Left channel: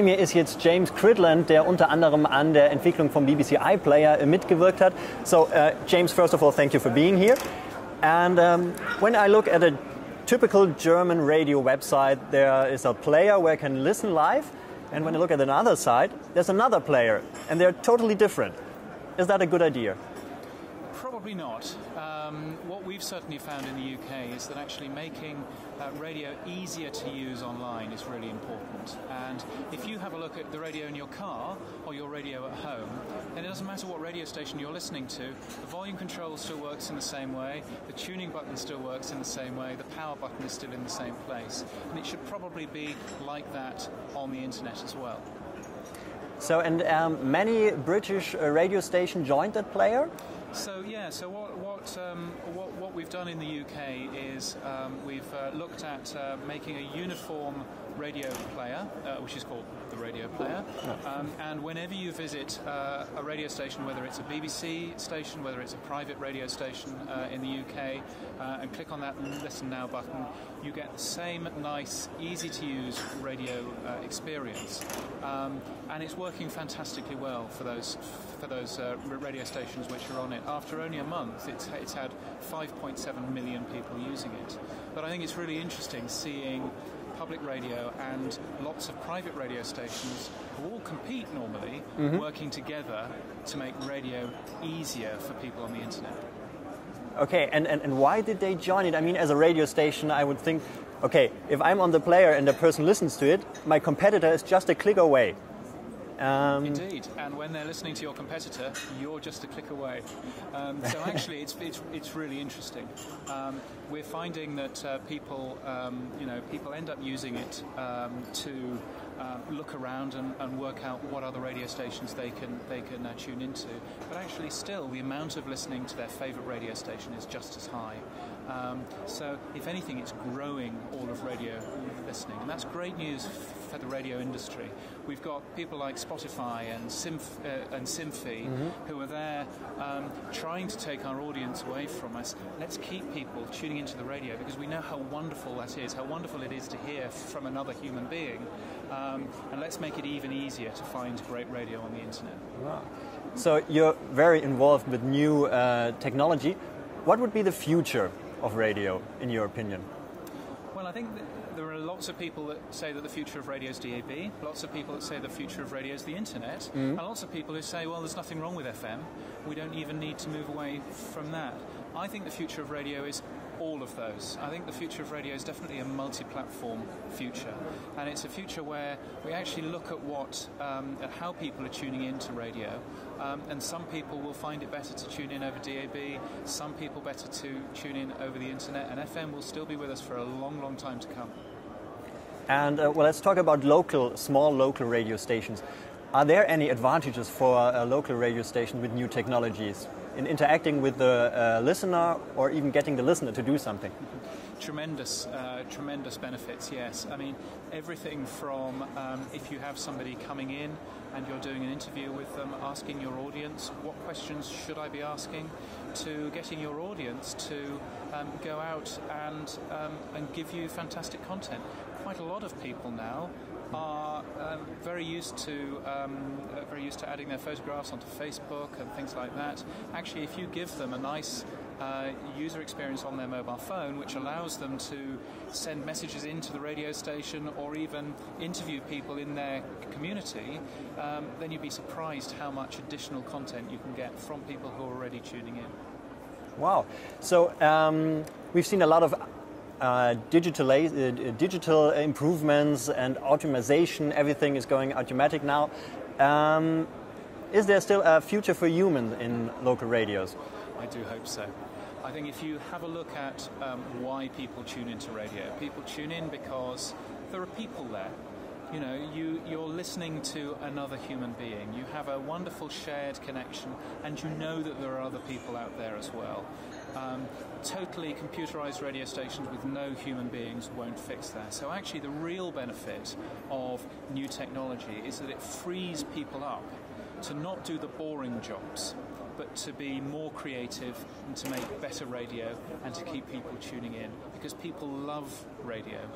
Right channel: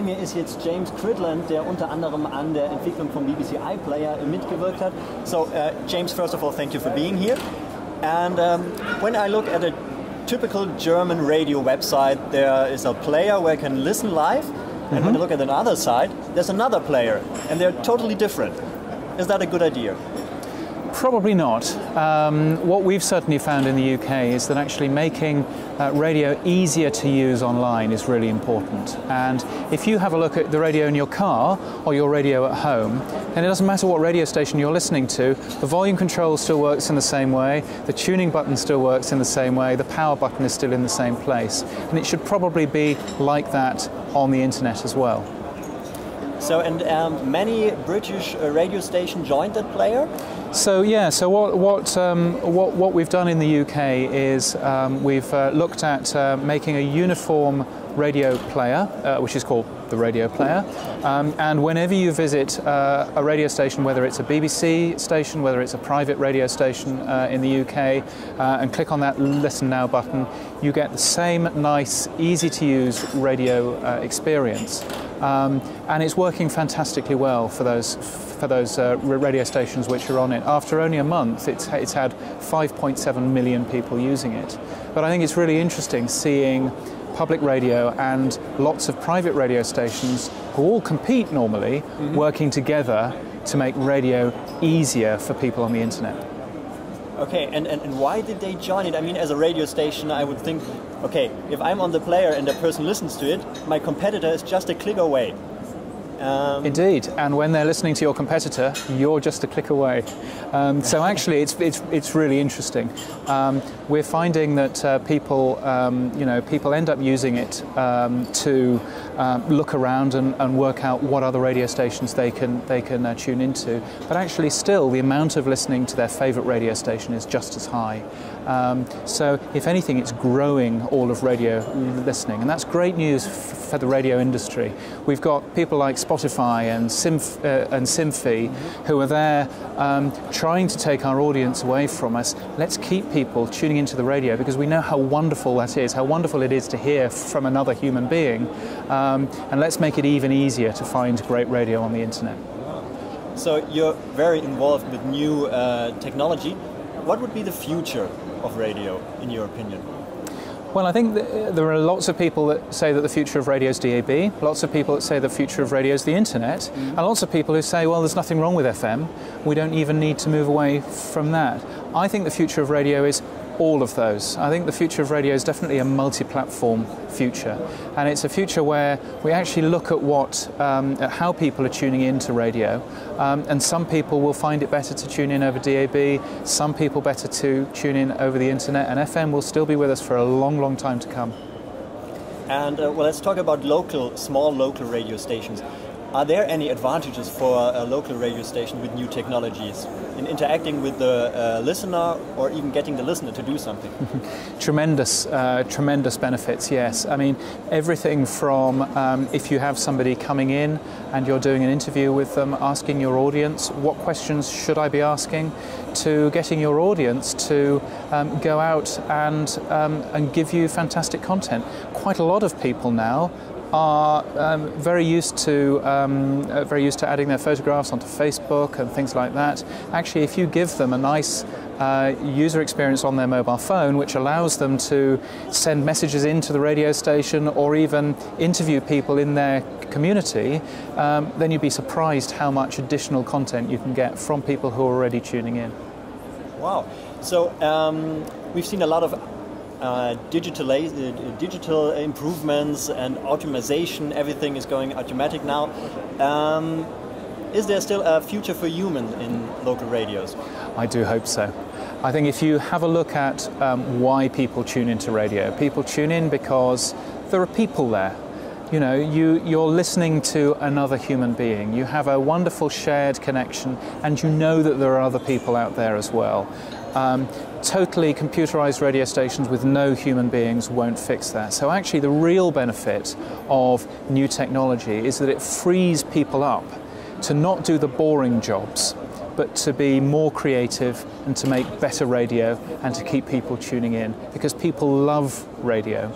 bei mir ist jetzt James Cridland, der unter anderem an der Entwicklung vom BBC iPlayer mitgewirkt hat. So, James, first of all, thank you for being here. And when I look at a typical German radio website, there is a player where you can listen live, and when I look at the other side, there's another player, and they're totally different. Is that a good idea? Probably not. What we've certainly found in the UK is that actually making radio easier to use online is really important. And if you have a look at the radio in your car or your radio at home, then it doesn't matter what radio station you're listening to, the volume control still works in the same way, the tuning button still works in the same way, the power button is still in the same place. And it should probably be like that on the internet as well. So, and many British radio stations joined that player? So yeah, so what we've done in the UK is we've looked at making a uniform radio player, which is called the radio player, and whenever you visit a radio station, whether it's a BBC station, whether it's a private radio station in the UK, and click on that Listen Now button, you get the same nice, easy to use radio experience. And it's working fantastically well for those radio stations which are on it. After only a month, it's had 5.7 million people using it. But I think it's really interesting seeing public radio and lots of private radio stations who all compete normally, working together to make radio easier for people on the internet. Okay, and why did they join it? I mean, as a radio station, I would think, okay, if I'm on the player and the person listens to it, my competitor is just a click away. Indeed, and when they're listening to your competitor, you're just a click away. So actually, it's really interesting. We're finding that people end up using it to look around and work out what other radio stations they can tune into. But actually, still, the amount of listening to their favourite radio station is just as high. So, if anything, it's growing all of radio listening, and that's great news for the radio industry. We've got people like Spotify and Simfy who are there trying to take our audience away from us. Let's keep people tuning into the radio because we know how wonderful that is, how wonderful it is to hear from another human being, and let's make it even easier to find great radio on the internet. So you're very involved with new technology. What would be the future of radio, in your opinion? Well, I think there are lots of people that say that the future of radio is DAB, lots of people that say the future of radio is the internet, and lots of people who say, well, there's nothing wrong with FM, we don't even need to move away from that. I think the future of radio is all of those. I think the future of radio is definitely a multi-platform future, and it's a future where we actually look at how people are tuning into radio, and some people will find it better to tune in over DAB, some people better to tune in over the internet, and FM will still be with us for a long, long time to come. And well, let's talk about small local radio stations. Are there any advantages for a local radio station with new technologies in interacting with the listener or even getting the listener to do something? Tremendous benefits, yes. I mean, everything from if you have somebody coming in and you're doing an interview with them, asking your audience, what questions should I be asking, to getting your audience to go out and give you fantastic content. Quite a lot of people now are very used to adding their photographs onto Facebook and things like that. Actually, if you give them a nice user experience on their mobile phone, which allows them to send messages into the radio station or even interview people in their community, then you'd be surprised how much additional content you can get from people who are already tuning in. Wow. So we've seen a lot of digital improvements and automation. Everything is going automatic now. Is there still a future for human in local radios? I do hope so. I think if you have a look at why people tune into radio, people tune in because there are people there. You know, you're listening to another human being. You have a wonderful shared connection, and you know that there are other people out there as well. Totally computerized radio stations with no human beings won't fix that. So actually the real benefit of new technology is that it frees people up to not do the boring jobs, but to be more creative and to make better radio and to keep people tuning in, because people love radio.